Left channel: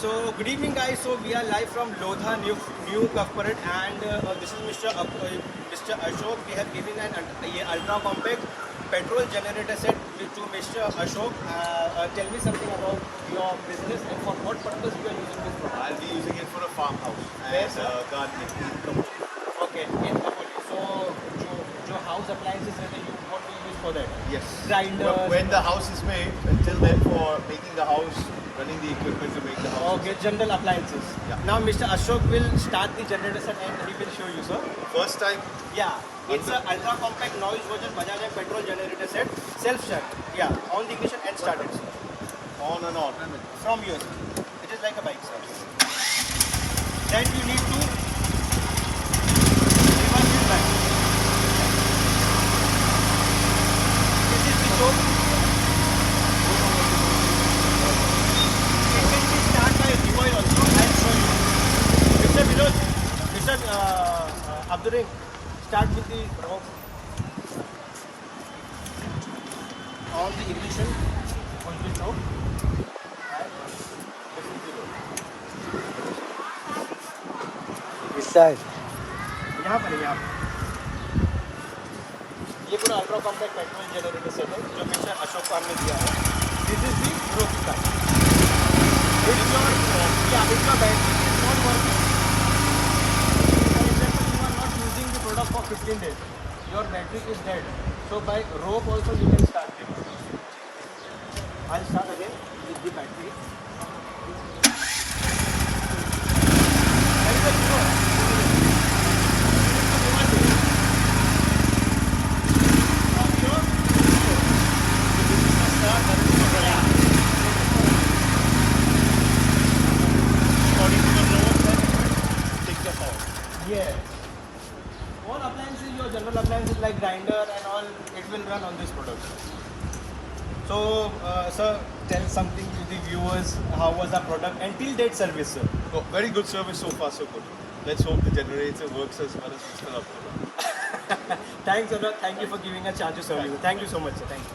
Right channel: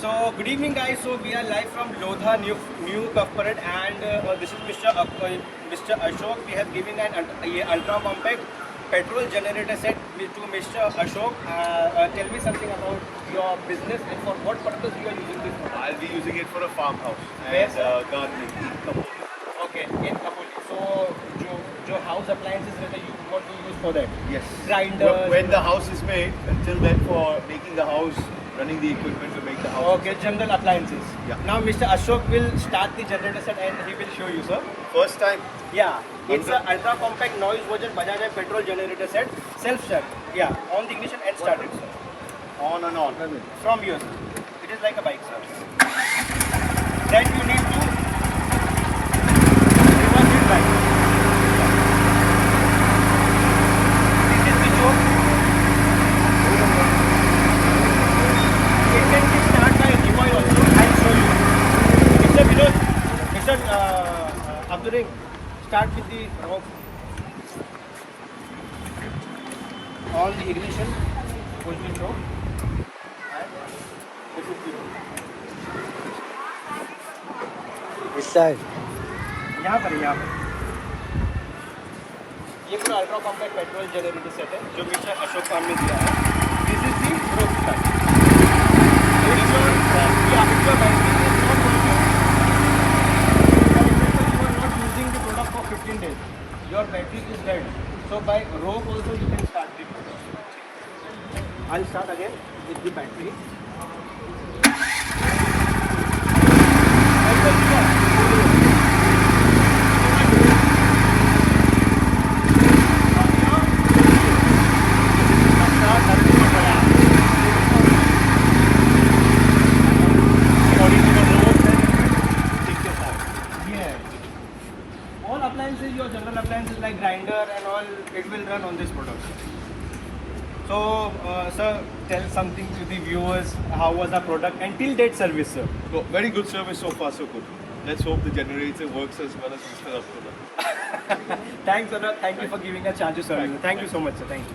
So good evening, guys. So we are live from Lodha new corporate, and this is Mr. Ashok. We have given an ultra compact petrol generator set to Mr. Ashok. Tell me something about your business and for what purpose you are using this one. I'll be using it for a farmhouse Where, and gardening. Okay, in Kapoli. So your house appliances, what do you use for that? Yes. Grinders. When the house is made, until then for making the house, running the equipment to make the house. Okay, general appliances. Yeah. Now Mr. Ashok will start the generator set and he will show you, sir. First time. Yeah, it's an ultra compact noise version Bajaj petrol generator set, self start. Yeah, on the ignition and start it, sir. On and on. From yours. It is like a bike, sir. Then you need to reverse it back. This is the show. It can be start by remote also. I'll show you. Mr. Vinod, Mr. Abduring, start with the rope. On the ignition, push the rope. And this is the rope. यहाँ पर ये पूरा ultra compact petrol generator set है जो mister Ashok का हमने दिया है. This is the roster not using the product for 15 days. Your battery is dead. So by rope also you can start it. I'll start again with the battery. Yes. All appliances, your general appliances like grinder and all, it will run on this product. So, sir, tell something to the viewers. How was the product and till date service, sir? Oh, very good service so far, so good. Let's hope the generator works as well as Mr. Abdullah. Thanks a lot. Thank you for giving a chance to serve you. Thank you so much, sir. Thank you.